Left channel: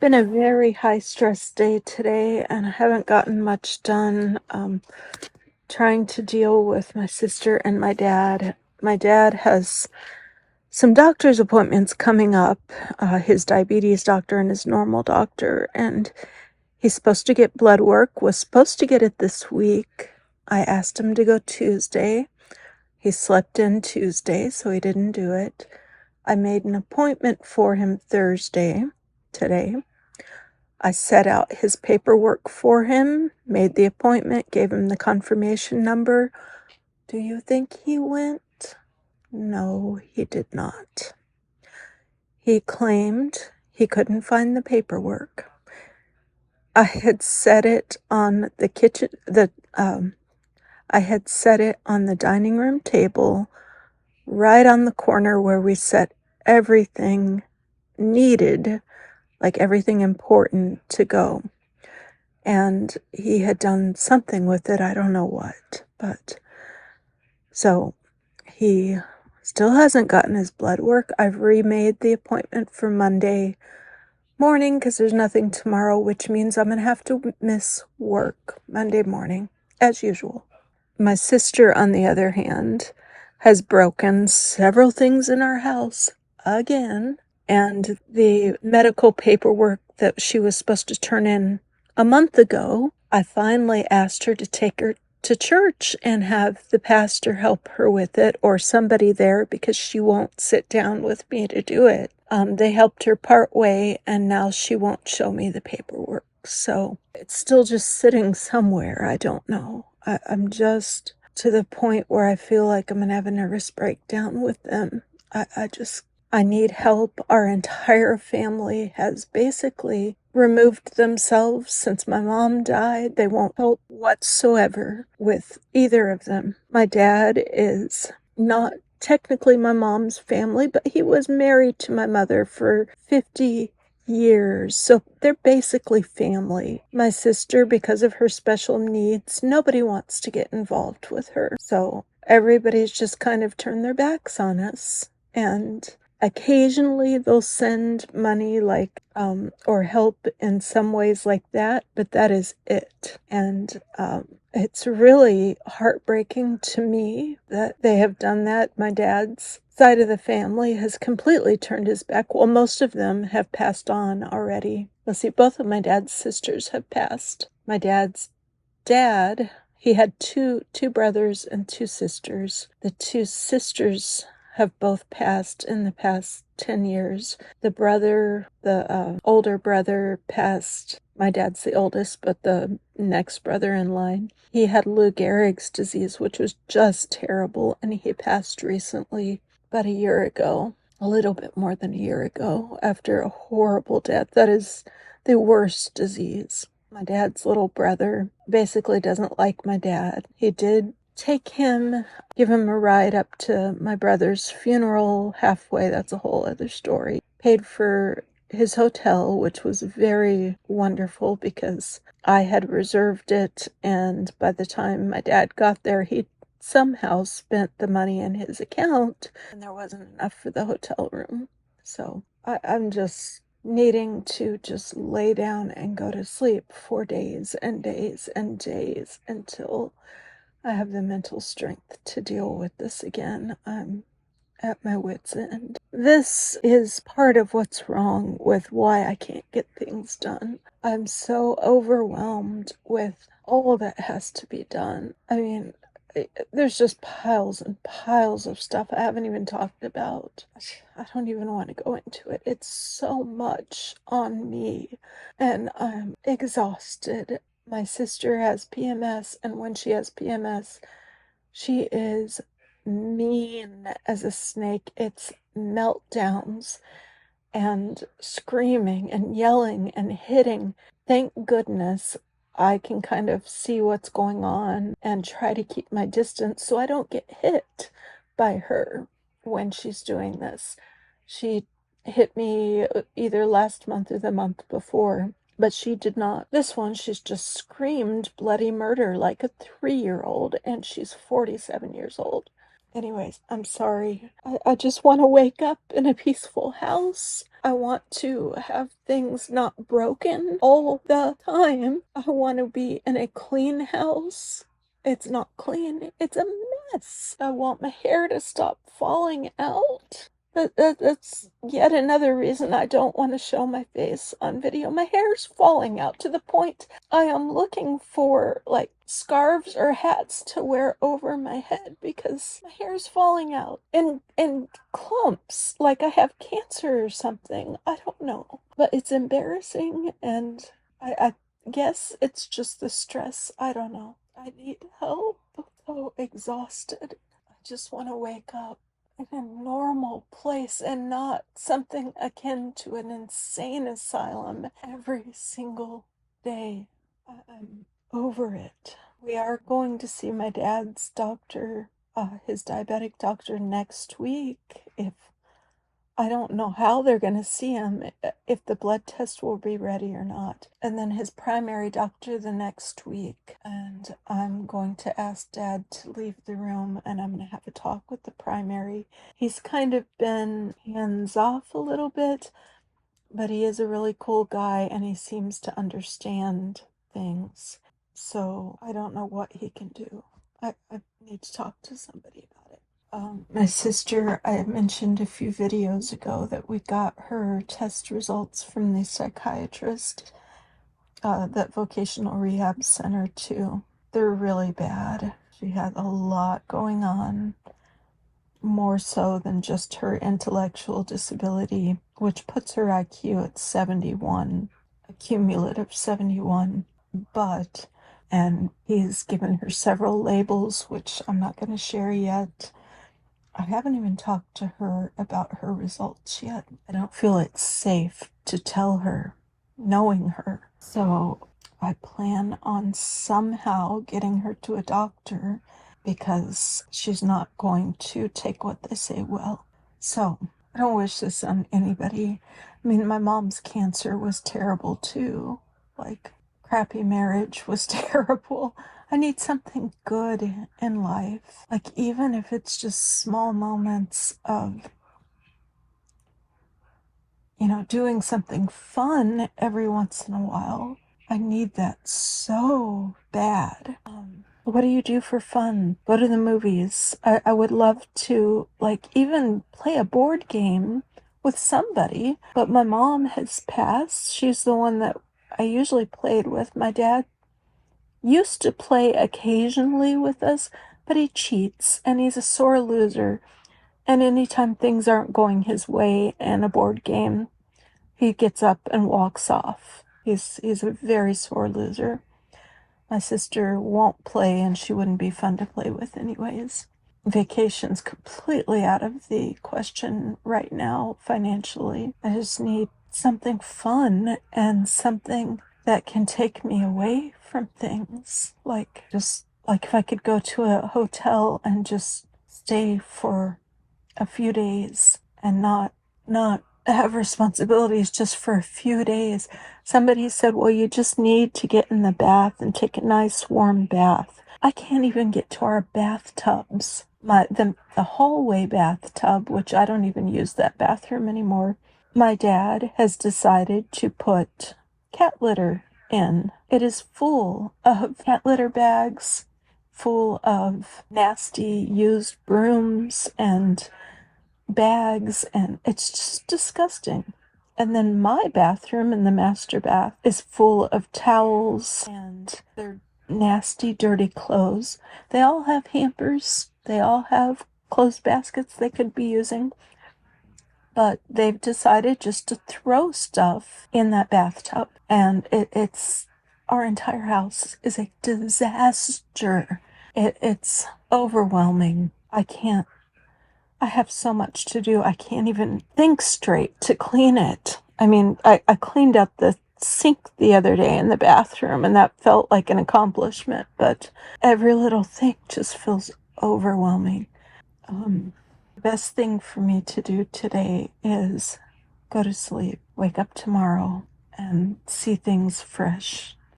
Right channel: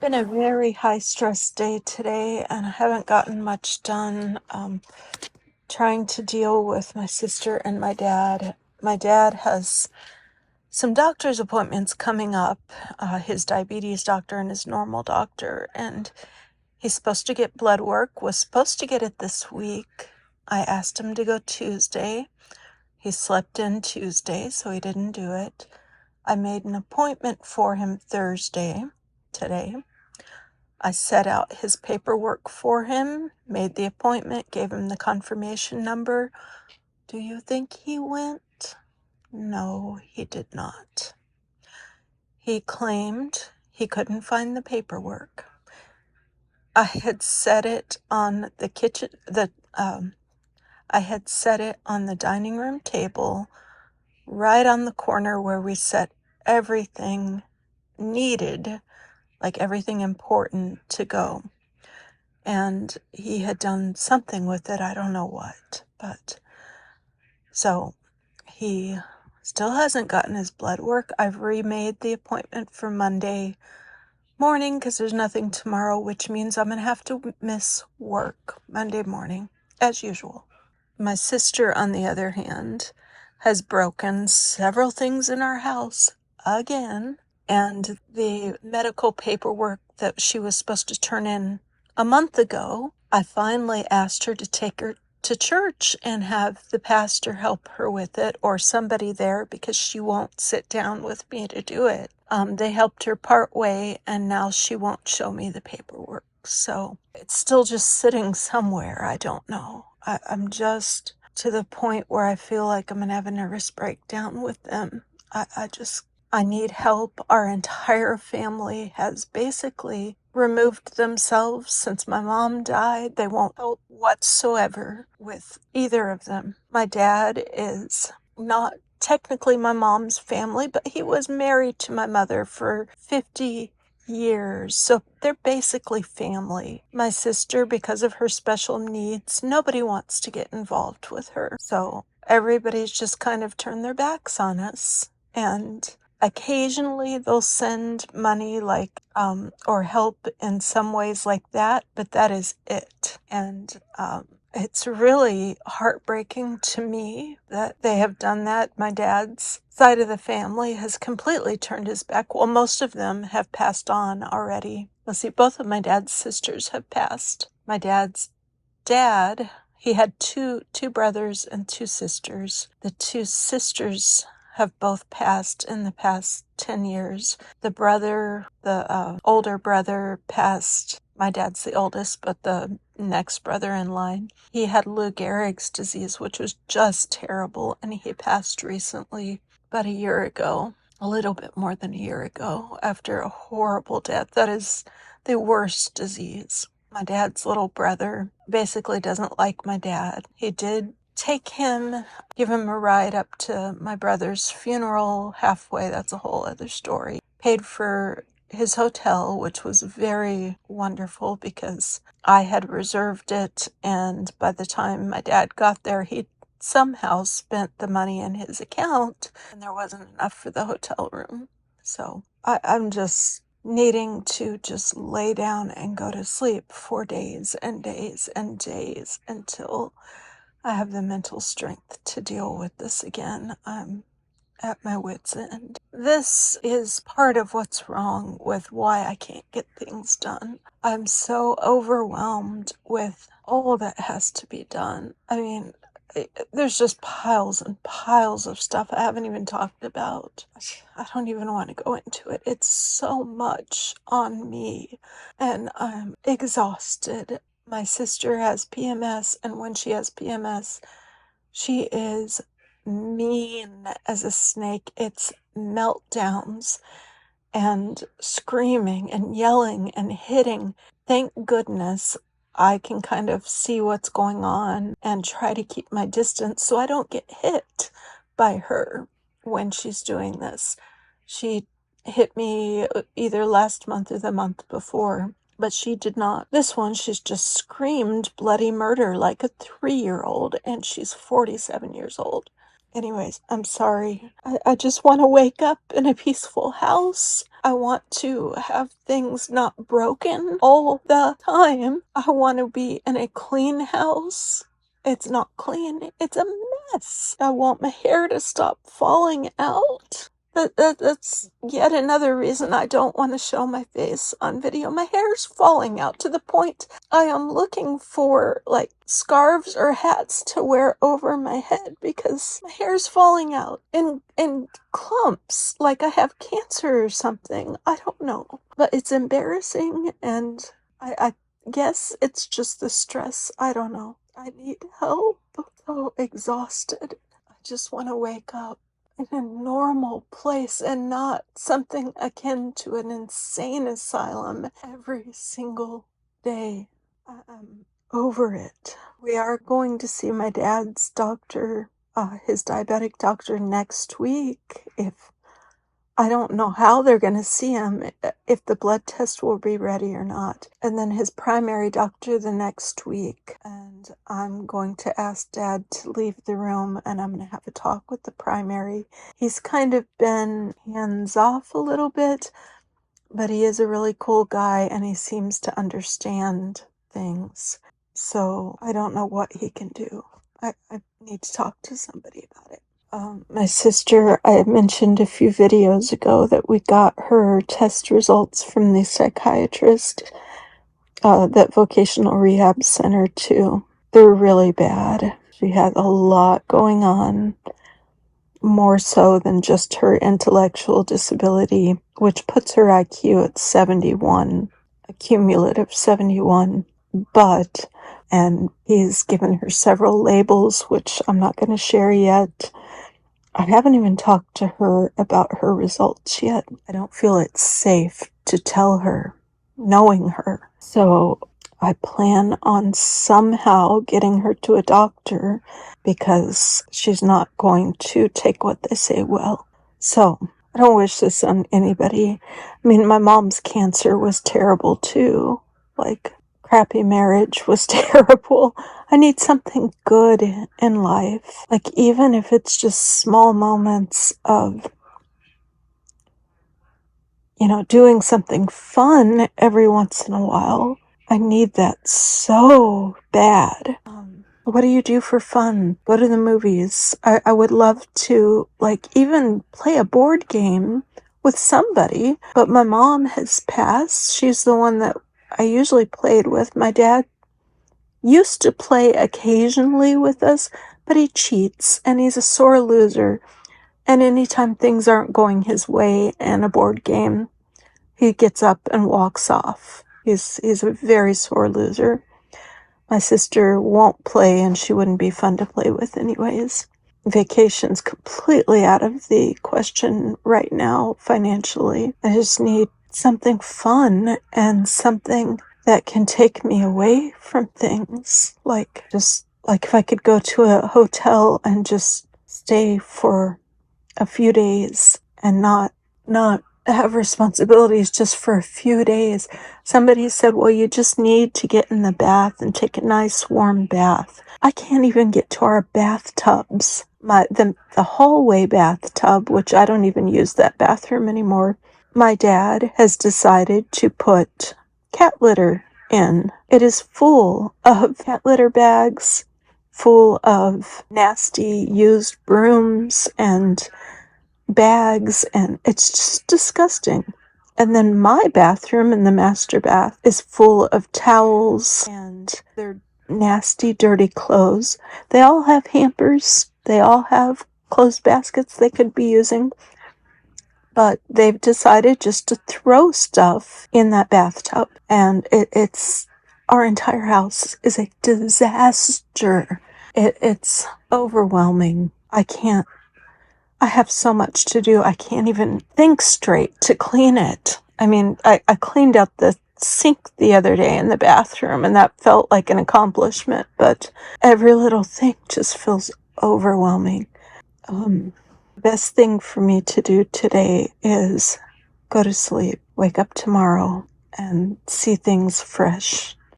Been a very high stress day today, and I haven't gotten much done. Trying to deal with my sister and my dad. My dad has some doctor's appointments coming up, his diabetes doctor and his normal doctor, and he's supposed to get blood work, was supposed to get it this week. I asked him to go Tuesday. He slept in Tuesday, so he didn't do it. I made an appointment for him Thursday, today. I set out his paperwork for him, made the appointment, gave him the confirmation number. Do you think he went? No, he did not. He claimed he couldn't find the paperwork. I had set it on the kitchen, I had set it on the dining room table, right on the corner where we set everything needed, like everything important to go. And he had done something with it, I don't know what, but so he still hasn't gotten his blood work. I've remade the appointment for Monday morning because there's nothing tomorrow, which means I'm gonna have to miss work Monday morning, as usual. My sister, on the other hand, has broken several things in our house again, and the medical paperwork that she was supposed to turn in a month ago, I finally asked her to take her to church and have the pastor help her with it, or somebody there, because she won't sit down with me to do it. They helped her part way, and now she won't show me the paperwork. So it's still just sitting somewhere. I don't know. I'm just to the point where I feel like I'm going to have a nervous breakdown with them. I need help. Our entire family has basically removed themselves since my mom died. They won't help whatsoever with either of them. My dad is not technically my mom's family, but he was married to my mother for 50 years, so they're basically family. My sister, because of her special needs, nobody wants to get involved with her, so everybody's just kind of turned their backs on us. And occasionally they'll send money, like or help in some ways like that, but that is it. And it's really heartbreaking to me that they have done that. My dad's side of the family has completely turned his back. Well, most of them have passed on already. Let's see, both of my dad's sisters have passed. My dad's dad, he had two brothers and two sisters. The two sisters have both passed in the past 10 years. The older brother passed. My dad's the oldest, but the next brother in line, he had Lou Gehrig's disease, which was just terrible, and he passed recently, about a year ago, a little bit more than a year ago, after a horrible death. That is the worst disease. My dad's little brother basically doesn't like my dad. He did take him, give him a ride up to my brother's funeral halfway. That's a whole other story. Paid for his hotel, which was very wonderful because I had reserved it, and by the time my dad got there, he somehow spent the money in his account, and there wasn't enough for the hotel room. So I'm just needing to just lay down and go to sleep for days and days and days until I have the mental strength to deal with this again. I'm at my wit's end. This is part of what's wrong with why I can't get things done. I'm so overwhelmed with all that has to be done. I mean, there's just piles and piles of stuff I haven't even talked about. I don't even want to go into it. It's so much on me, and I'm exhausted. My sister has PMS, and when she has PMS, she is mean as a snake. It's meltdowns and screaming and yelling and hitting. Thank goodness I can kind of see what's going on and try to keep my distance so I don't get hit by her when she's doing this. She hit me either last month or the month before, but she did not. This one, she's just screamed bloody murder like a 3-year-old, and she's 47 years old. Anyways, I'm sorry. I just want to wake up in a peaceful house. I want to have things not broken all the time. I want to be in a clean house. It's not clean, it's a mess. I want my hair to stop falling out. That's yet another reason I don't want to show my face on video. My hair's falling out to the point I am looking for like scarves or hats to wear over my head because my hair's falling out in clumps like I have cancer or something. I don't know. But it's embarrassing, and I guess it's just the stress. I don't know. I need help. I'm so exhausted. I just want to wake up in a normal place and not something akin to an insane asylum every single day. I'm over it. We are going to see my dad's doctor, his diabetic doctor, next week. If I don't know how they're going to see him, if the blood test will be ready or not. And then his primary doctor the next week. And I'm going to ask Dad to leave the room, and I'm going to have a talk with the primary. He's kind of been hands off a little bit, but he is a really cool guy and he seems to understand things. So I don't know what he can do. I need to talk to somebody about it. My sister, I mentioned a few videos ago that we got her test results from the psychiatrist, that vocational rehab center too. They're really bad. She had a lot going on, more so than just her intellectual disability, which puts her IQ at 71, a cumulative 71. And he's given her several labels, which I'm not going to share yet. I haven't even talked to her about her results yet. I don't feel it's safe to tell her, knowing her. So I plan on somehow getting her to a doctor because she's not going to take what they say well. So I don't wish this on anybody. I mean, my mom's cancer was terrible too. Like, crappy marriage was terrible. I need something good in life. Like, even if it's just small moments of, doing something fun every once in a while. I need that so bad. What do you do for fun? Go to the movies. I would love to, like, even play a board game with somebody, but my mom has passed. She's the one that I usually played with. My dad used to play occasionally with us, but he cheats and he's a sore loser. And anytime things aren't going his way in a board game, he gets up and walks off. He's a very sore loser. My sister won't play, and she wouldn't be fun to play with anyways. Vacation's completely out of the question right now financially. I just need something fun and something that can take me away from things. Like, just like if I could go to a hotel and just stay for a few days and not have responsibilities just for a few days. Somebody said, well, you just need to get in the bath and take a nice warm bath. I can't even get to our bathtubs. The hallway bathtub, which I don't even use that bathroom anymore. My dad has decided to put cat litter in. It is full of cat litter bags, full of nasty used brooms and bags, and it's just disgusting. And then my bathroom in the master bath is full of towels and their nasty, dirty clothes. They all have hampers. They all have clothes baskets they could be using. But they've decided just to throw stuff in that bathtub. And it's our entire house is a disaster. It's overwhelming. I have so much to do. I can't even think straight to clean it. I mean, I cleaned out the sink the other day in the bathroom, and that felt like an accomplishment, but every little thing just feels overwhelming. The best thing for me to do today is go to sleep, wake up tomorrow, and see things fresh.